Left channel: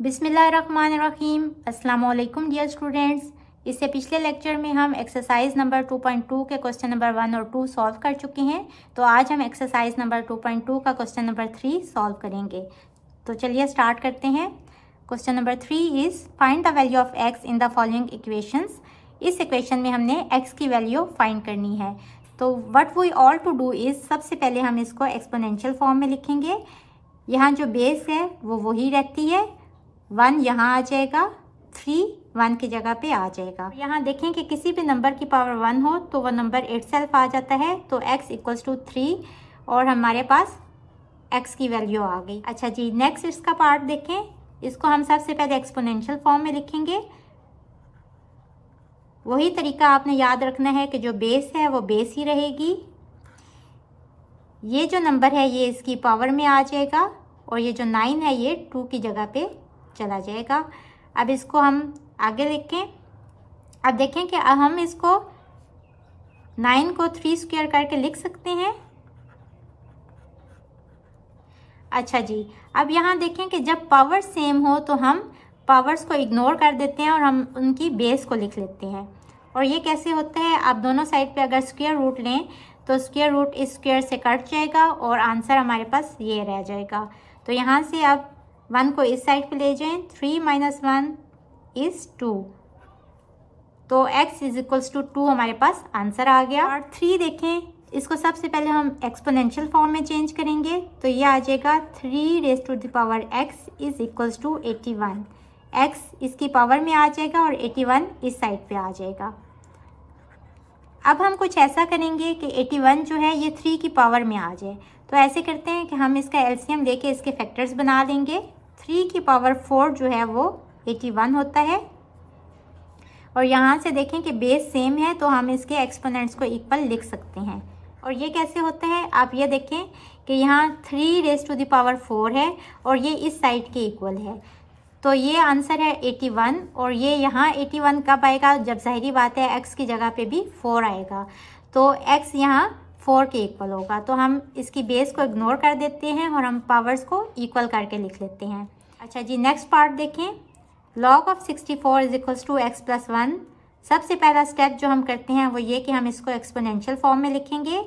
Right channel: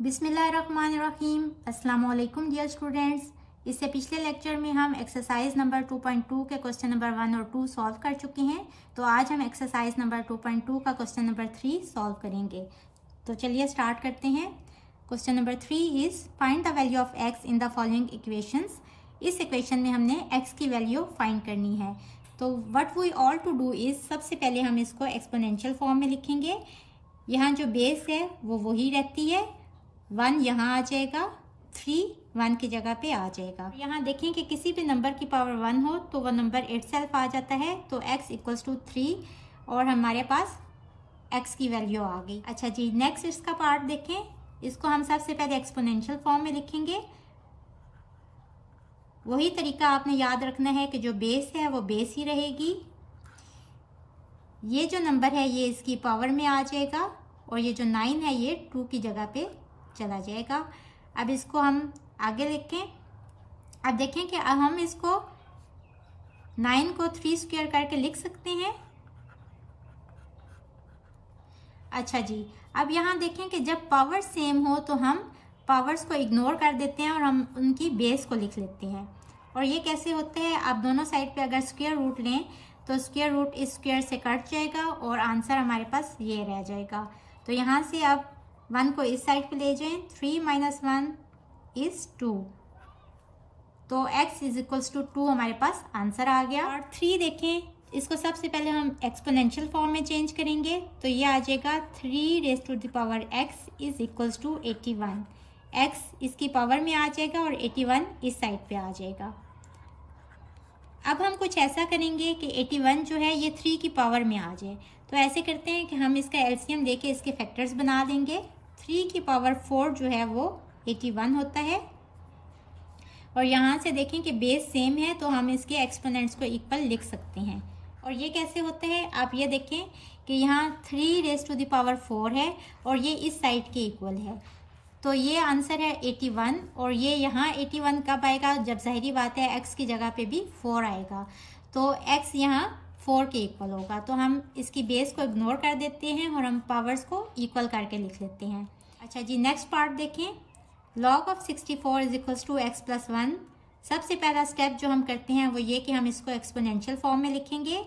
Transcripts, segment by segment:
बिस्मिल्लाहिर्रहमानिर्रहीम। अस्सलाम वालेकुम डियर स्टूडेंट्स। इससे पिछले लेक्चर में हम एक्सरसाइज नंबर 2.2 के क्वेश्चन नंबर 1 और 2 सॉल्व कर चुके हैं। तो आज हम एक्सरसाइज नंबर 2.2 का क्वेश्चन नंबर 3 सॉल्व करेंगे। तो चलिए स्टार्ट करते हैं। Question number 3 is find the value of x in the following equations. इस इक्वेशन में हमने एक्स की वैल्यू फाइंड करनी है। तो what we all to do is, सबसे पहले हम इसको एक्सपोनेंशियल फॉर्म में लिखेंगे। यहाँ जो बेस है वो वही रहती है, 1 यहाँ आ जाएगा, 3 1 की जगह पे आ जाएगा। यहाँ देखें कि किसी भी नंबर की पावर 1 हो तो वो नंबर इटसेल्फ आ जाता है। तो x इक्वल्स टू 3 और हमारे पास x की वैल्यू आ गई। अच्छा जी, नेक्स्ट इसका पार्ट देखें। इसको हम सबसे पहले एक्सपोनेंशियल फॉर्म में लिखेंगे। वही तरीका आपने याद रखना है कि जो बेस है वो बेस ही रहेगी। ये जो नंबर है ये इसकी पावर में आ जाएगा और ये जो 9 है ये 2 की जगह पे चला जाएगा। अब इसको हम आगे लिखें। अब देखें कि हम इसको 9 को 3 स्क्वायर करके लिख सकते हैं। अच्छा जी, अब यहाँ देखें कि जब पावर सेम हो तो हम पावर्स को इग्नोर कर देते हैं और हम उनकी बेस को लिख लेते हैं। और ये कैसे होता है, आप दोनों साइड पे अगर स्क्वायर रूट लें तो स्क्वायर रूट इस स्क्वायर से कट जाएगा और आंसर हमारे पास ये रह जाएगा। तो यहाँ से आप 1 को इस साइड पे ले जाएं, 3 - 1 इज 2। तो x इज इक्वल्स टू 2 हमारे पास आंसर आ गया। और 3 देखें, इसको सबसे पहले हम एक्सपोनेंशियल फॉर्म में चेंज करेंगे। तो ये आ जाएगा 3 raise to the power x is equals to 81। x इसकी पावर में आ जाएगा और 81 इस साइड पे आ जाएगा। अब हम कुछ ऐसा करेंगे कि 81 जो है ये 3 की पावर में आ जाए। तो ऐसे करते हैं कि हम इसका एलसीएम लेके इसके फैक्टर्स बना लेंगे। 3 की पावर 4 जो है वो 81 होता है। और यहाँ से देखें कि बेस सेम है तो हम इसके एक्सपोनेंट्स को इक्वल लिख सकते हैं। और ये कैसे होता है, आप ये देखें कि यहाँ 3 रेज़ टू द पावर 4 है और ये इस साइड के इक्वल है। तो ये आंसर है 81। और ये यहाँ 81 कब आएगा, जब जाहिरी बात है x की जगह पे भी 4 आएगा। तो x यहाँ 4 के इक्वल होगा। तो हम इसकी बेस को इग्नोर कर देते हैं और हम पावर्स को इक्वल करके लिख लेते हैं। अच्छा जी, नेक्स्ट पार्ट देखें। log of 64 is equals to x plus 1। सबसे पहला स्टेप जो हम करते हैं वो ये कि हम इसको एक्सपोनेंशियल फॉर्म में लिखेंगे।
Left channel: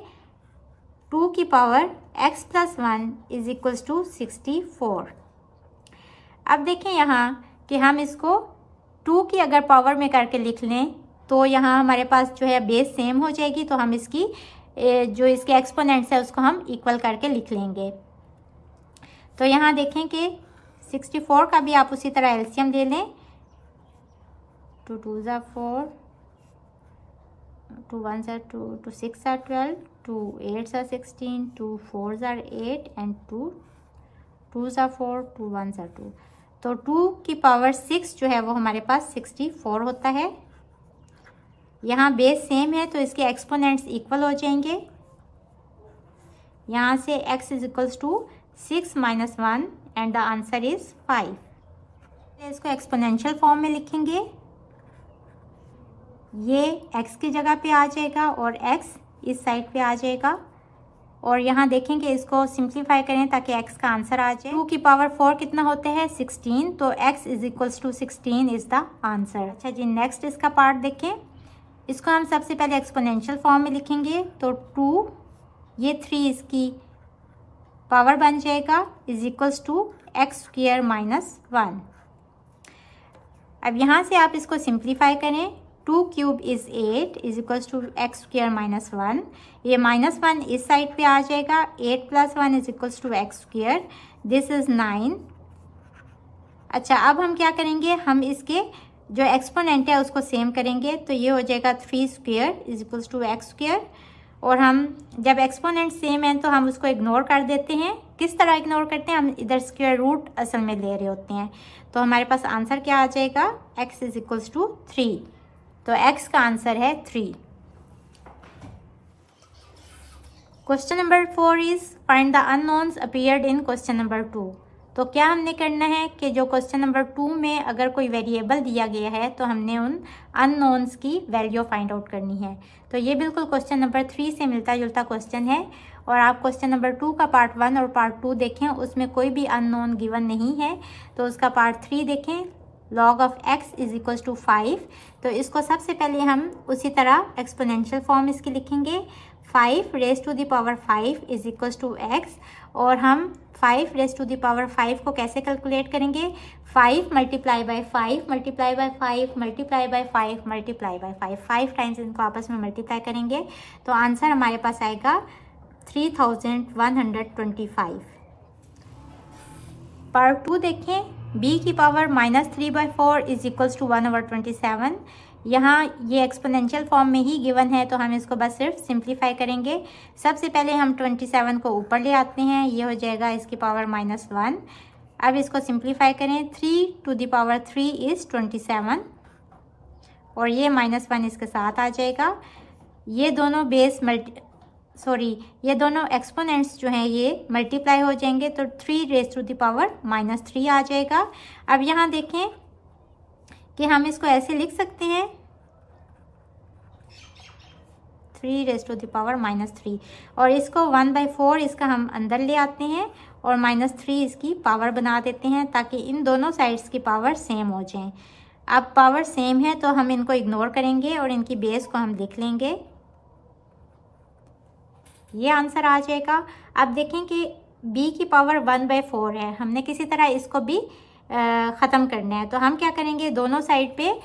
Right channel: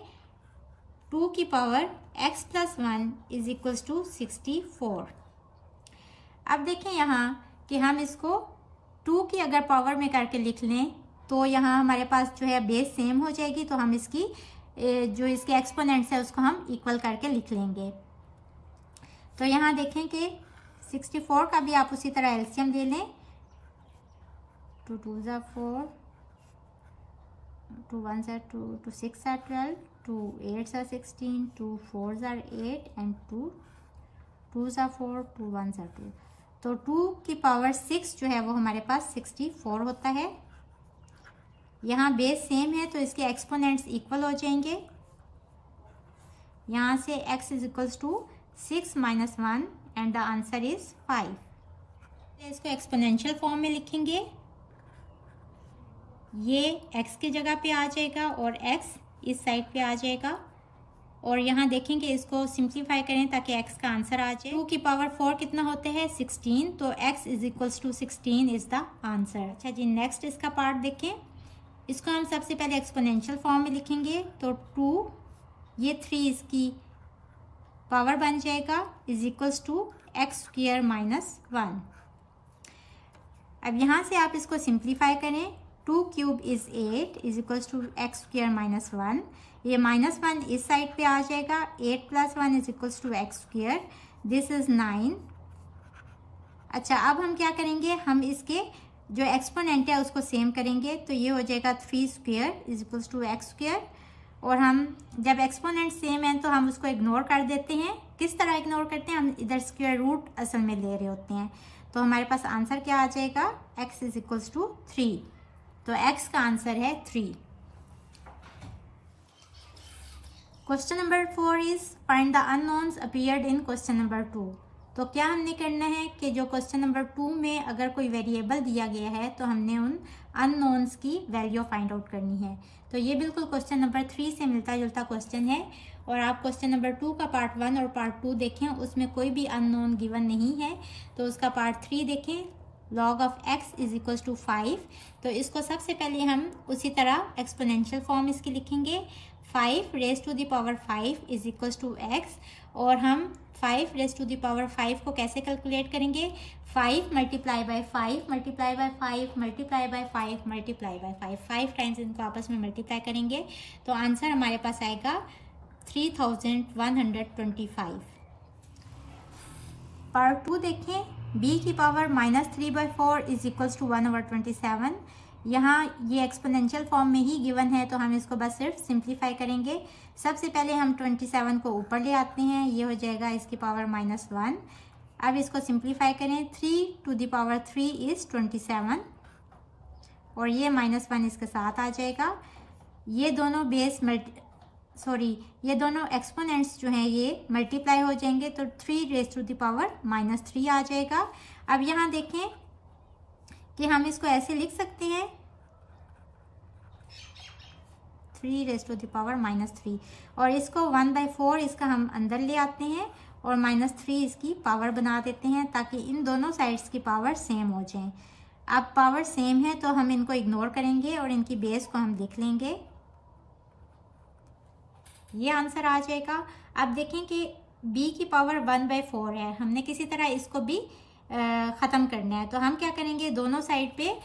2 की power x plus 1 is equals to 64। अब देखें यहाँ कि हम इसको 2 की अगर पावर में करके लिख लें तो यहाँ हमारे पास जो है बेस सेम हो जाएगी। तो हम इसकी जो इसके एक्सपोनेंट्स है उसको हम इक्वल करके लिख लेंगे। तो यहाँ देखें कि 64 का भी आप उसी तरह एलसीएम ले लें। 2 2 = 4, 2 1 = 2, 2 6 = 12, 2 8 = 16, 2 4 = 8 एंड 2 2 = 4, 2 1 = 2। तो 2 की पावर 6 जो है वो हमारे पास 64 होता है। यहाँ बेस सेम है तो इसके एक्सपोनेंट्स इक्वल हो जाएंगे। यहाँ से x is equals to 6 - 1 and the answer is 5। इसको एक्सपोनेंशियल फॉर्म में लिखेंगे। ये x की जगह पे आ जाएगा और x इस साइड पे आ जाएगा। और यहाँ देखेंगे इसको सिंप्लीफाई करें ताकि x का आंसर आ जाए। 2 की पावर 4 कितना होता है, 16। तो x is equals to 16 is the answer. अच्छा जी, नेक्स्ट इसका पार्ट देखें। इसको हम सबसे पहले एक्सपोनेंशियल फॉर्म में लिखेंगे। तो 2 ये 3 इसकी पावर बन जाएगा is equals to x square minus 1। अब यहाँ से आप इसको सिंप्लीफाई करें। 2 cube is 8 is equals to x square minus 1। ये -1 इस साइड पे आ जाएगा। 8 + 1 is equals to x square. This is 9। अच्छा, अब हम क्या करेंगे, हम इसके जो एक्सपोनेंट है उसको सेम करेंगे। तो ये हो जाएगा 3 square is equals to x square. और हम जब एक्सपोनेंट सेम है तो हम उसको इग्नोर कर देते हैं। किस तरह इग्नोर करते हैं, हम इधर स्क्वायर रूट असल में ले रहे होते हैं। तो हमारे पास आंसर क्या आ जाएगा, x इज इक्वल्स टू 3। तो x का आंसर है 3। Question number 4 is find the unknowns appeared in question number 2। तो क्या हमने करना है कि जो क्वेश्चन नंबर 2 में अगर कोई वेरिएबल दिया गया है तो हमने उन अननोन्स की वैल्यू फाइंड आउट करनी है। तो ये बिल्कुल क्वेश्चन नंबर 3 से मिलता जुलता क्वेश्चन है। और आप क्वेश्चन नंबर 2 का पार्ट 1 और पार्ट 2 देखें, उसमें कोई भी अननोन गिवन नहीं है। तो उसका पार्ट 3 देखें, log of x is equal to 5। तो इसको सबसे पहले हम उसी तरह एक्सपोनेंशियल फॉर्म इसकी लिखेंगे, 5 raise to the power 5 is equal to x। और हम 5 रेज टू द पावर 5 को कैसे कैलकुलेट करेंगे, 5 multiply by 5 multiply by 5 multiply by 5 multiply by 5 times इनको आपस में मल्टीप्लाई करेंगे तो आंसर हमारे पास आएगा 3125। पार्ट 2 देखें, b की पावर -3/4 इज इक्वल्स टू 1/27। यहाँ ये एक्सपोनेंशियल फॉर्म में ही गिवन है तो हम इसको बस सिर्फ सिंप्लीफाई करेंगे। सबसे पहले हम 27 को ऊपर ले आते हैं, ये हो जाएगा इसकी पावर -1। अब इसको सिंप्लीफाई करें, 3 टू द पावर 3 इज 27 और ये -1 इसके साथ आ जाएगा। ये दोनों ये दोनों एक्सपोनेंट्स जो हैं ये मल्टीप्लाई हो जाएंगे तो 3 रेज टू द पावर -3 आ जाएगा। अब यहाँ देखें कि हम इसको ऐसे लिख सकते हैं, 3 रेज टू द पावर -3 और इसको 1/4 इसका हम अंदर ले आते हैं और -3 इसकी पावर बना देते हैं ताकि इन दोनों साइड्स की पावर सेम हो जाएं। अब पावर सेम है तो हम इनको इग्नोर करेंगे और इनकी बेस को हम लिख लेंगे, ये आंसर आ जाएगा। अब देखें कि b की पावर 1/4 है, हमने किसी तरह इसको भी ख़त्म करना है तो हम क्या करेंगे, दोनों साइड पे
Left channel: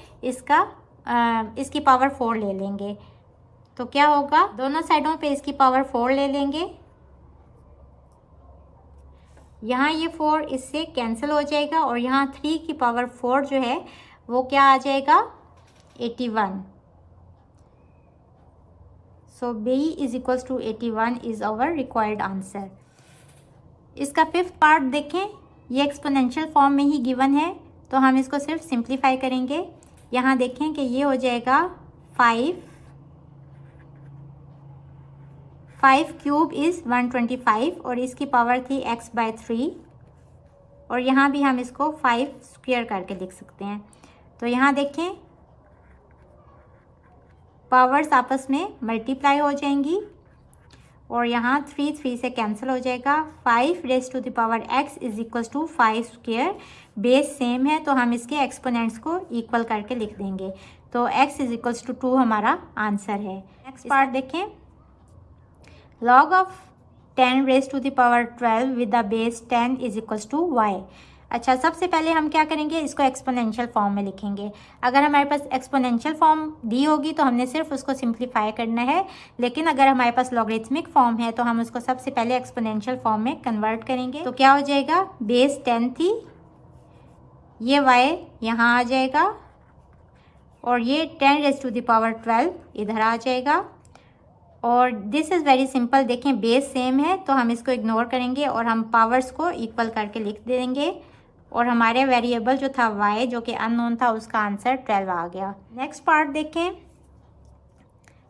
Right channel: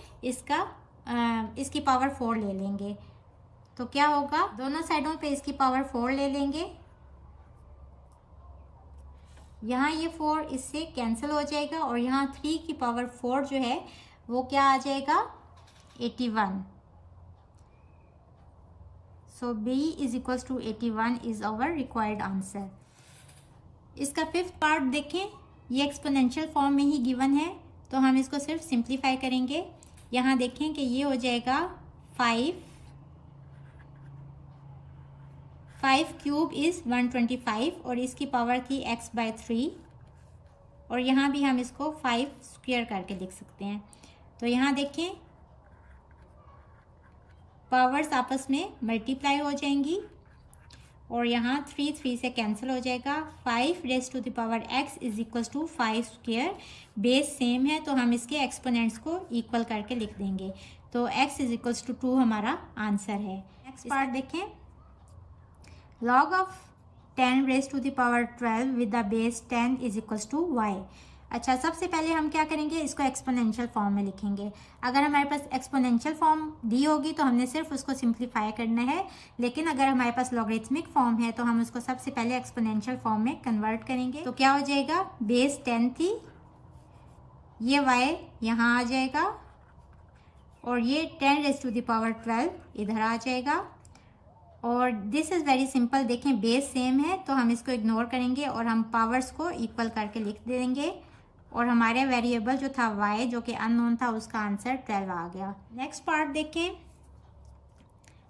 इसकी पावर 4 ले लेंगे। तो क्या होगा, दोनों साइडों पे इसकी पावर 4 ले लेंगे, यहाँ ये 4 इससे कैंसिल हो जाएगा और यहाँ 3 की पावर 4 जो है वो क्या आ जाएगा, 81। So b is equals to 81 is our required answer. इसका 5th पार्ट देखें, ये एक्सपोनेंशियल फॉर्म में ही गिवन है तो हम इसको सिर्फ सिंप्लीफाई करेंगे। यहाँ देखें कि ये हो जाएगा 5 क्यूब इज 125 और इसकी पावर थी x/3 और यहाँ भी हम इसको 5 स्क्वायर करके लिख सकते हैं। तो यहाँ देखें पावर्स आपस में मल्टीप्लाई हो जाएंगी और यहाँ 3 से कैंसिल हो जाएगा। 5 raise to the power x is equal to 5 square, base same है तो हम इसके एक्सपोनेंट्स को इक्वल करके लिख देंगे तो x इज इक्वल टू 2 हमारा आंसर है। नेक्स्ट पार्ट देखें, log of 10 raise to the power 12 with the base 10 is equal to y। अच्छा, सबसे पहले हम क्या करेंगे, इसको एक्सपोनेंशियल फॉर्म में लिखेंगे। अगर हमारे पास एक्सपोनेंशियल फॉर्म दी होगी तो हमने सिर्फ उसको सिंप्लीफाई करना है, लेकिन अगर हमारे पास लॉगरिथमिक फॉर्म है तो हम उसको सबसे पहले एक्सपोनेंशियल फॉर्म में कन्वर्ट करेंगे। तो क्या हो जाएगा, बेस 10 थी, ये y यहाँ आ जाएगा और ये 10 रेज टू द पावर 12 इधर आ जाएगा और दिस इज़ वेरी सिंपल। देखें बेस सेम है तो हम इसको इग्नोर करेंगे और हम पावर्स को इक्वल करके लिख देंगे और हमारे वेरिएबल जो था y जो कि अननोन था उसका आंसर 12 आ गया। नेक्स्ट पार्ट देखें,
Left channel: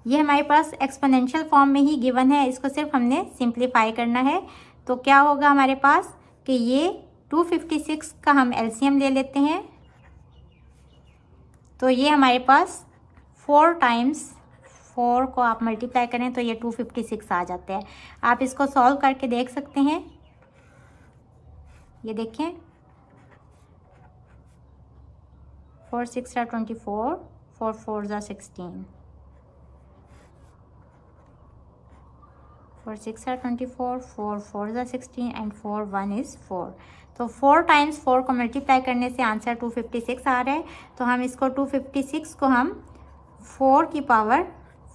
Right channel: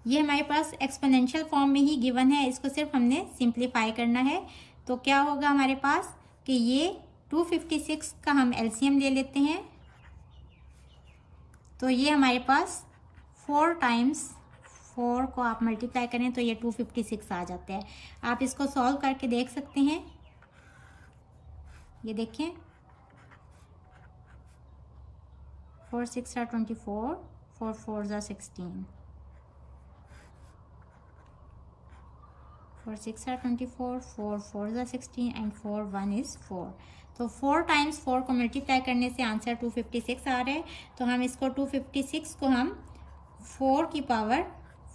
ये हमारे पास एक्सपोनेंशियल फॉर्म में ही गिवन है, इसको सिर्फ हमने सिंप्लीफाई करना है। तो क्या होगा हमारे पास कि ये 256 का हम एलसीएम ले लेते हैं तो ये हमारे पास 4 टाइम्स 4 को आप मल्टीप्लाई करें तो ये 256 आ जाते हैं। आप इसको सॉल्व करके देख सकते हैं, ये देखें 4 6 are 24, 4 4s are 16, 4 6 are 24, 4 4s are 16 and 4 1 is 4। तो 4 टाइम्स 4 को मल्टीप्लाई करने से आंसर 256 आ रहा है। तो हम इसको 256 को हम 4 की पावर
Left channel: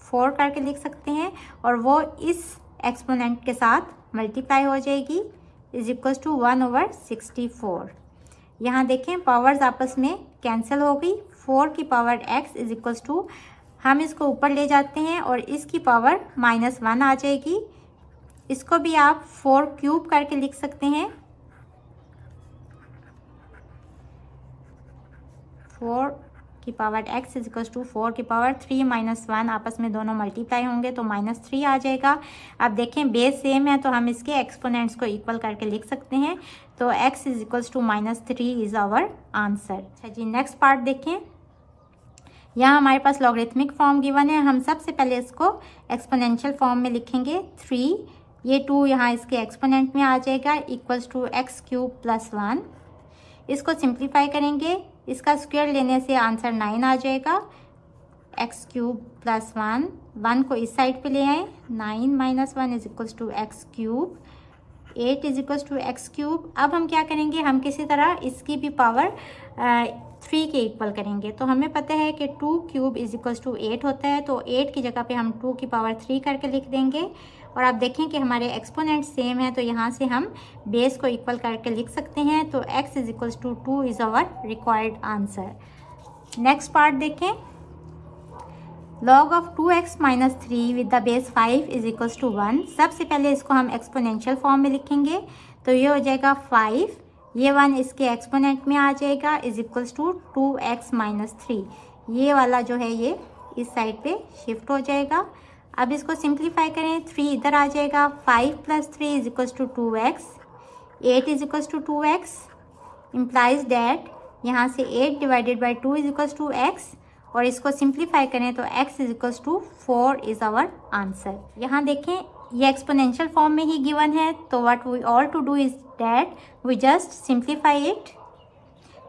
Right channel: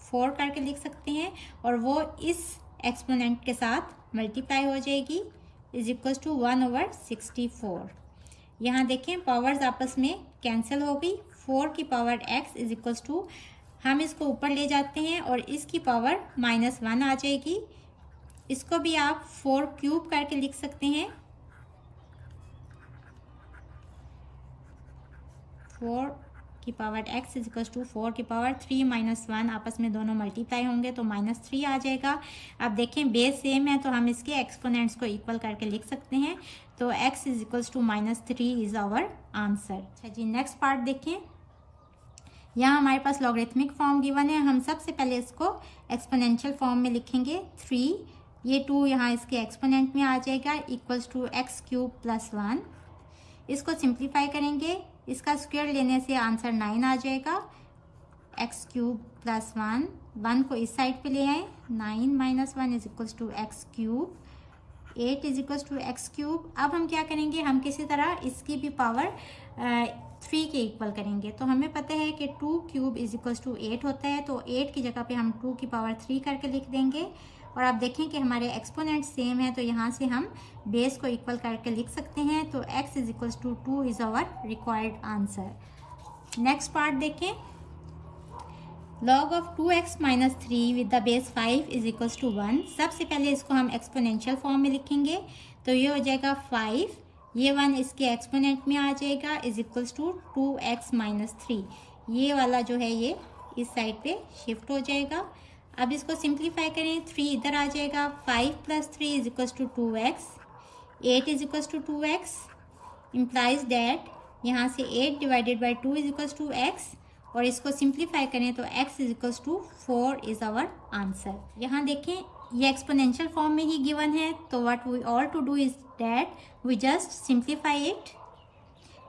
4 करके लिख सकते हैं और वो इस एक्सपोनेंट के साथ मल्टीप्लाई हो जाएगी इज इक्वल टू 1/64। यहाँ देखें पावर्स आपस में कैंसिल हो गई, 4 की power x is equal to, हम इसको ऊपर ले जाते हैं और इसकी पावर -1 आ जाएगी। इसको भी आप 4 क्यूब करके लिख सकते हैं, 4 की power x is equal to 4 की पावर 3 -1 आपस में दोनों मल्टीप्लाई होंगे तो -3 आ जाएगा। अब देखें बेस सेम है तो हम इसके एक्सपोनेंट्स को इक्वल करके लिख सकते हैं तो x is equal to -3 is our answer. अच्छा जी, नेक्स्ट पार्ट देखें, यहाँ हमारे पास लॉगरिथमिक फॉर्म गिवन है। हम सबसे पहले इसको एक्सपोनेंशियल फॉर्म में लिखेंगे, 3 ये 2 यहाँ इसके एक्सपोनेंट में आ जाएगा equals to x cube plus 1। इसको सिंप्लीफाई करेंगे, इसका स्क्वायर लेने से आंसर 9 आ जाएगा। एक्स क्यूब प्लस 1 को इस साइड पे ले आए, 9 minus 1 is equals to x cube, 8 is equals to x cube. अब हम क्या करेंगे, हम किसी तरह इसकी भी पावर 3 के इक्वल करेंगे। तो हमें पता है कि 2 क्यूब इज इक्वल्स टू 8 होता है, तो 8 की जगह पे हम 2 की पावर 3 करके लिख देंगे। और आप देखें कि हमारे एक्सपोनेंट सेम है, तो यहाँ से हम बेस को इक्वल करके लिख सकते हैं। तो x is equals to 2 is our required answer. Next part देखें, log of 2x minus 3 with the base 5 is equals to 1। सबसे पहले इसको हम एक्सपोनेंशियल फॉर्म में लिखेंगे, तो ये हो जाएगा 5, ये 1 इसके एक्सपोनेंट में आ जाएगा is equals to 2x minus 3। ये वाला जो है ये इस साइड पे शिफ्ट हो जाएगा। अब इसको सिंप्लीफाई करें, 3 इधर आ जाएगा, 5 plus 3 is equals to 2x, 8 is equals to 2x, implies that यहाँ से 8 divided by 2 is equals to x, और इसको सिंप्लीफाई करें तो x is equals to 4 is our answer. यहाँ देखें ये एक्सपोनेंशियल फॉर्म में ही गिवन है, तो what we all to do is that we just simplify it.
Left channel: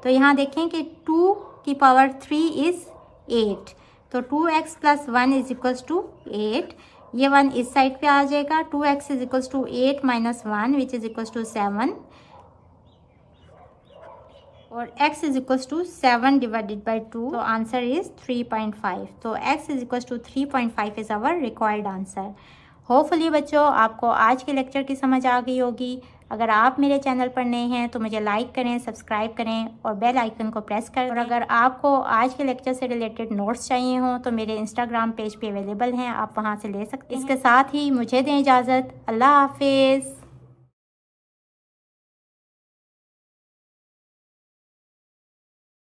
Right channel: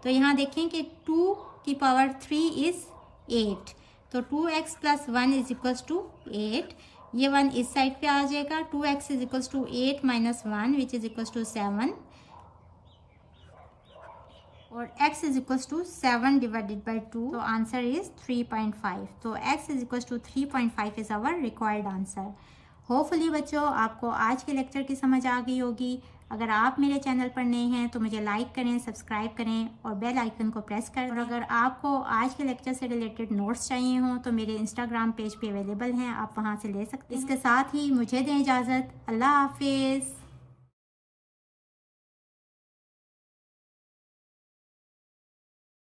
तो यहाँ देखें कि 2 की पावर 3 इज 8, तो 2x plus 1 is equals to 8। ये 1 इस साइड पे आ जाएगा, 2x is equals to 8 minus 1 which is equals to 7, और x is equals to 7 divided by 2, तो आंसर इज 3.5। तो x is equals to 3.5 is our required answer. Hopefully बच्चों आपको आज के लेक्चर की समझ आ गई होगी। अगर आप मेरे चैनल पर नए हैं तो मुझे लाइक करें, सब्सक्राइब करें और बेल आइकन को प्रेस करें। और अगर आपको आज के लेक्चर से रिलेटेड नोट्स चाहिए हों तो मेरे इंस्टाग्राम पेज पे अवेलेबल हैं, आप वहां से ले सकते हैं। इसके साथ ही मुझे दें इजाज़त। अल्लाह हाफिज़।